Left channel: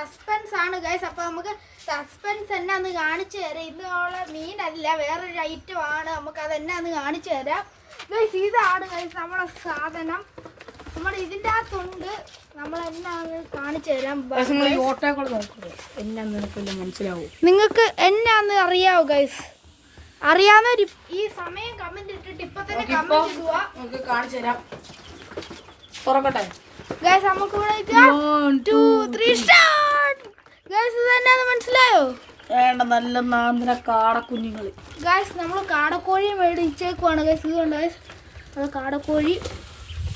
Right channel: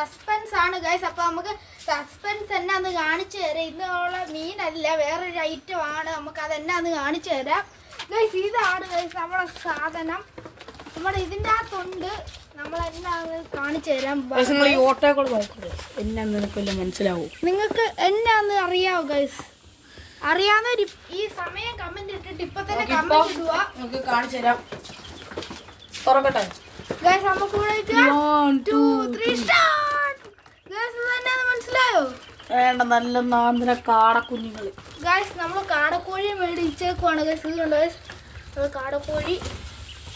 Suspense ആണ് guys. അപ്പോൾ നമുക്ക് സസ്പെൻസ് എന്നാന്ന് കാണിച്ചു തരാം. ഇന്നുള്ള മീനല്ല, വേറൊരു ഐറ്റം ആണ്. നമുക്ക് അതെന്നാന്ന് കാണിച്ചു തരാം ഗൈസ്. ഇതാണ് ഗൈസ് നമ്മുടെ സാധനം. നമ്മുടെ ഇതിൻ്റെ അകത്തുണ്ട്. നമ്മൾ എന്നാന്ന് കാണിച്ചു തരാം. നിങ്ങൾക്ക് എന്നാന്ന് അറിയാവോ ഗൈസ്? അറിയാവുന്ന ഈ സമയം കമന്റ് ഇട്ടിട്ട് ഇപ്പൊ തന്നെ കമന്റ് ഇടുക. നമുക്ക് കാണിച്ചു തരാം. തുറക്കട്ടെ ഗൈസ്. നമുക്ക് 1 2 3 സ്റ്റാർട്ട്. ഗൈസ് ഇതെന്നാന്ന് മനസ്സിലായോ? വേണ്ട നല്ല നാന്തര കാടക്കുഞ്ഞുങ്ങള്. ഗൈസ് നമ്മൾ കാടക്കോഴി മേടിച്ചേക്കുവാണ് ഗൈസ്. ഇതുണ്ട് ഗൈസ്, അത് കാടക്കോഴി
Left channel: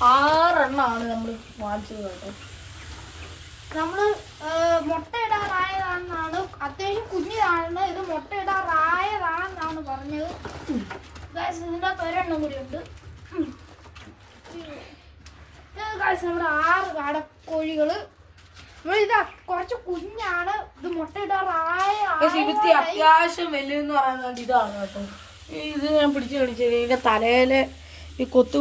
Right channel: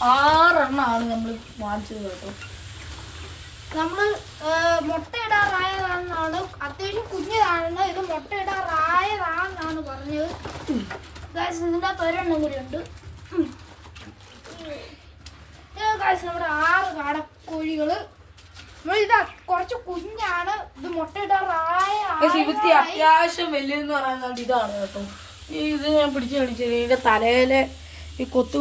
6 എണ്ണമാണ് നമ്മൾ വാങ്ങിച്ചത് കേട്ടോ. നമ്മൾ മുട്ടയിടാറായതാണെന്നാണ്, അത്യാവശ്യം കുഞ്ഞിതാണ്. ഇത് മുട്ടയിടാറായതാണെന്നാണ് പറഞ്ഞത് ഗൈസ്. ഇതിൻ്റെ അകത്ത് ഒരെണ്ണം കൂടി ഉണ്ട് ഗൈസ്. ഇവിടെ 6 കാടക്കോഴികള്. ഇത് കുറച്ച് കുഞ്ഞാണ്. ഇത് മുട്ടയിടാറായ അത്യാവശ്യം വലിയെന്ന് പറയുന്നത് ഇതാണ് കേട്ടോ. ഇത് ഞാൻ പിടിച്ച് കളിച്ചത് ഇതിന്റെ തലയില് ഈ കൊത്തു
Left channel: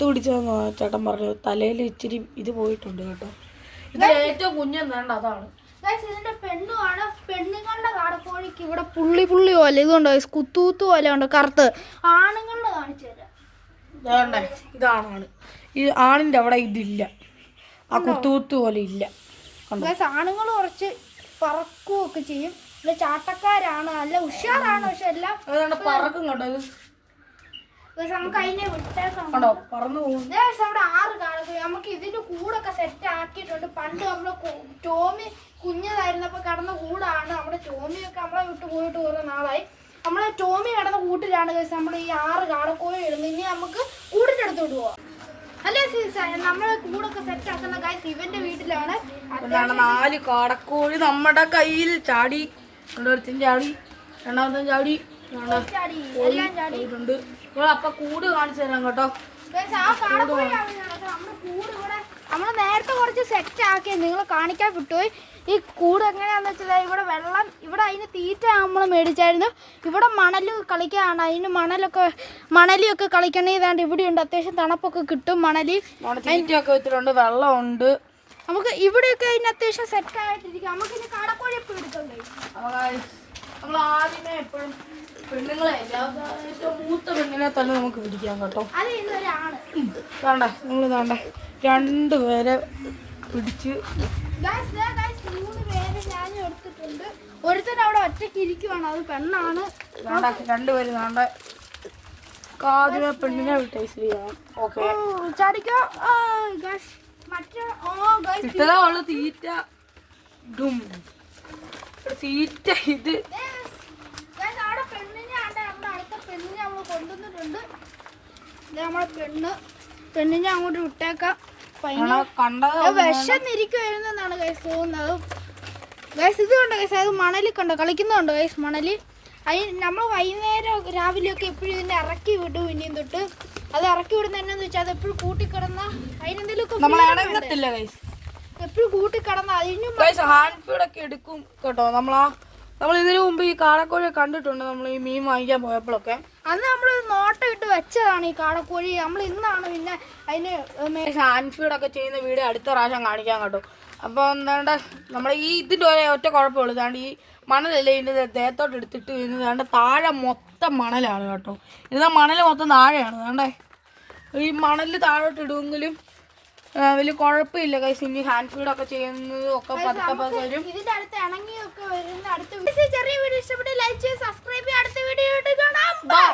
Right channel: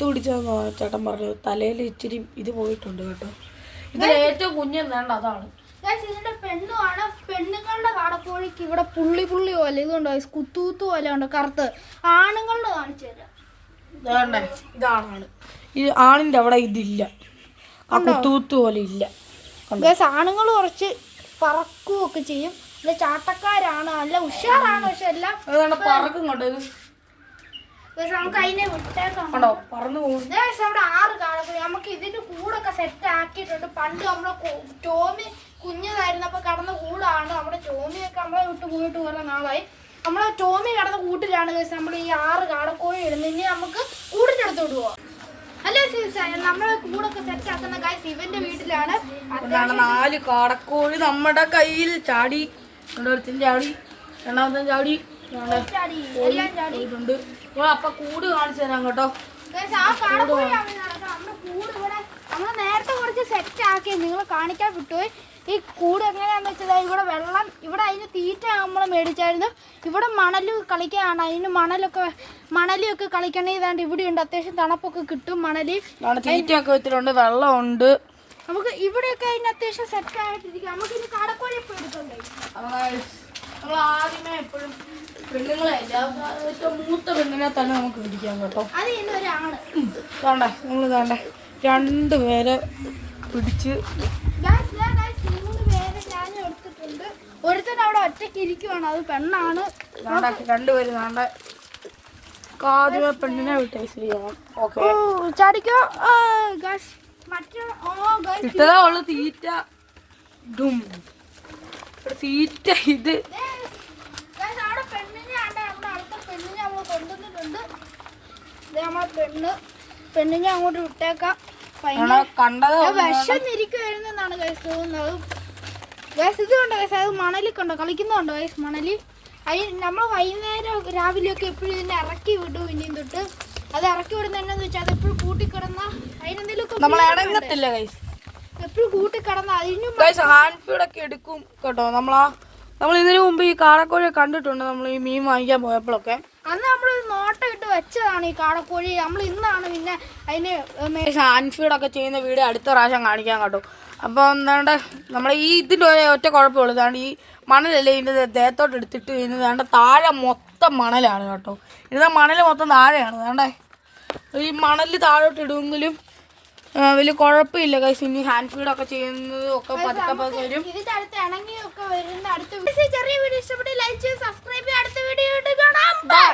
പിടിച്ചതെന്ന് ചേട്ടൻ പറഞ്ഞത്. തലയിൽ ഇച്ചിരി ഇത് പോയിട്ടുണ്ട് കേട്ടോ. ഇത് ഏറ്റവും കുഞ്ഞെന്നാണ് അതാണ്. ഇതിന്റെ പെണ്ണുമാണ്. പെണ്ണുങ്ങളുടെ കാടക്കോഴിക്ക് ഇവിടെ പുള്ളി പോലെ ഇതുണ്ടോ, കുത്തൂത്ത് പോലെ ഉണ്ട് കറുത്ത്. ആണുങ്ങളുടെ കാണിച്ചു തരാം. ഇതാണ്ടേ, ഇതാണ്. ഈ ആണിന്റെ അവിടെ ഇതില്ല, ആ കുത്തൂത്ത് പോലെ ഇല്ല. ആണുങ്ങൾ കുറച്ച് പറക്കുകയൊക്കെ ചെയ്യും. പിന്നെ ചാട്ടക്കാരാണ്, നല്ല ഉഷാറാണ്. പക്ഷെ എല്ലാം പറക്കും കേട്ടോ. നമുക്ക് അതിനെ വിട്ടേക്കാം. പറന്നു പോകും. അവിടെ 6 കാടക്കോഴി. നമുക്ക് ഇതിന്റെ കൂടൊക്കെ സെറ്റ് ആക്കിയിട്ടുണ്ട്. പണ്ട് നമ്മളെ ടോമി കുഞ്ഞതായിരുന്നപ്പോ കിടന്ന കൂടാണ്. നമ്മുടെ ടോമിയൊക്കെ നമ്മളെ വിട്ട് പോയിട്ട് കുറെ നാളായി. നമ്മളെ ടോമി കിടന്ന കൂട്ടിലാണ് നമ്മൾ ഈ 6 കാടക്കോഴി ഇടുന്നത്. ഇനി നമുക്ക് കൂടിന്റെ അടുത്ത് വിടുവോ? അല്ലേ നമ്മളെ കൂടൊക്കെ സെറ്റ് ആക്കുന്ന ഗൈസ് ഇവന്റെ വീട്ടിലാണ്. 4 കാടക്കോഴി നമ്മുടെ കയ്യിൽ ചാടി. ചാടി, രണ്ടാമത്തെ ചാടി, എല്ലാം ചാടിയിട്ടുണ്ട്. അപ്പൊ കൂട് കാണിച്ചു തരാം കേട്ടോ. ആ കാടക്കോഴിയാണ് നമ്മുടെ കൂട്. ഇവിടെ നമ്മൾ നേരത്തെ കുറച്ച് സെറ്റ് ആക്കി നിങ്ങൾ കാണിക്കാൻ കിട്ടുപോയി. ഈ കൂട് എങ്ങനെയാണെന്ന് വെച്ചാൽ ഇവിടെ വെള്ളം, ഇവിടെ അതിന് തീറ്റ നമ്മൾ മേടിച്ചായിരുന്നു. ഇവിടെ മണൽ കളിക്കാണ്. അതിന് മണലിയൊക്കെ കളിക്കണേ. ഇതാണ്ട് ഇവിടെയുണ്ട്. അത്യാവശ്യം തണുപ്പൊക്കെ കിട്ടും. തീറ്റയൊക്കെ വെച്ചിട്ടുണ്ട്, വെള്ളമുണ്ട്. നമുക്ക് ഇവിടെയൊക്കെ അതിന് അത്യാവശ്യം സെറ്റ് ആയിട്ടിരിക്കും. നമുക്ക് ഇനി കാടക്കോഴി എപ്പോഴും എടുക്കാൻ കഴിയും. നമ്മൾ ആദ്യമേ എപ്പോഴും പെണ്ണുങ്ങളെ ഏറ്റവും മൂത്ത പെണ്ണിനെ തന്നെ നമുക്ക് പിടിക്കാം കേട്ടോ. അത് ഇനി ഒരാണ് വേണ്ട, നമ്മൾ വേണ്ട 2 പേരെ പിടിച്ച് 3 പേര് ഞാൻ എടുത്തിട്ടുണ്ട്. ഒരുത്തൻ അവിടെ ഒറ്റയ്ക്ക് ഇരിക്കുവാണ്, അത് പെണ്ണാണ്. 2 പേര് വേണ്ട. ആദ്യമേ പെണ്ണിനെ വിട്ടേ ശരിയാണ്. ഓക്കെ ചാടിക്കോ. കിട്ടതേ ഉള്ളു തീറ്റ. തീറ്റ ഇത് അവിടെ പെണ്ണിനെ അടുത്ത പെണ്ണിനെ നമ്മൾ കൊണ്ടുവന്നിട്ടുണ്ട്. ഇത് നമ്മളെ പെണ്ണിനെ അങ്ങോട്ട് വിട്ടേക്കാം. വിശന്നിരിക്കുവായിരുന്നാണ് ഗൈസ് തോന്നുന്നത്. ഗൈസ് ഇത് കണ്ടോ ഗൈസ്, അത് മണലിൽ കണ്ടോ കളിക്കുന്നുണ്ടോ ഗൈസ്? മണലിൽ അതിന് നമ്മൾ വൈകുന്നേരം രാവിലെയൊക്കെ എപ്പോഴും ഇതിനെ ഇറക്കി വിടും. ഇനിയും തൊട്ട് അത് ഇറക്കി വിടുന്ന എന്നാന്ന് വെച്ചാൽ അത് എപ്പോഴും കൂട്ടിക്കിടന്ന അതിനെന്തെങ്കിലുമൊക്കെ എപ്പോഴും കൂട്ടിക്കിടന്ന അതിനും ഹാൻഡ് ഫീഡൊക്കെ എടുക്കും കേട്ടോ. നമ്മൾ ഇതിനു മുമ്പ് ഈ കാടക്കോഴിയെ കണ്ടിട്ടുണ്ട്. നമ്മൾ ഈ മീൻ വാങ്ങിക്കാൻ പോയപ്പോഴൊക്കെ അന്ന് നമ്മൾ നോട്ടം ഇട്ട് വെച്ചതാണ് ഈ കാടക്കോഴി. നമ്മൾ ഇന്നാണ് പിന്നെ അതിന് ഹാൻഡ് ഫീഡൊക്കെ ചെയ്യുന്ന വീഡിയോ അടുത്ത പ്രാവശ്യം കാണിക്കാൻ കേട്ടോ. അപ്പോൾ എന്താണ്ട് നമ്മൾ ഈ ഇതിൻ്റെ ഒറ്റ കുഴപ്പമുള്ളൂ. ഇതാണ്ട് ഈ മണലല്ലേ ഇതിൻ്റെ ദേഹത്തോട്ട് എടുത്തിട്ട് ഇതിൻ്റെ താഴെ മൊത്തം മണലാണ് കേട്ടോ. ഇതിൻ്റെ മണൽ മൊത്തം താഴെയാണ്. വേണ്ടേ ഈ മണൽ താഴോട്ട് ഇടുമെങ്കിലും വലിയ കുഴപ്പമില്ല ഗൈസ്. ഇനി ഹാൻഡ് ഫീഡൊക്കെ ചെയ്യുന്നത് ഒക്കെ പതുക്കെ വരും. ഇതിന്റെ അടുത്ത് ഇണങ്ങിയൊക്കെ വരുന്ന അടുത്ത ചെറിയ വീഡിയോ ഇഷ്ടപ്പെട്ട് ലൈക്ക് ചെയ്ത് സബ്സ്ക്രൈബ് ചെയ്യുക. അടുത്ത വീഡിയോ കാണാം. ബൈ.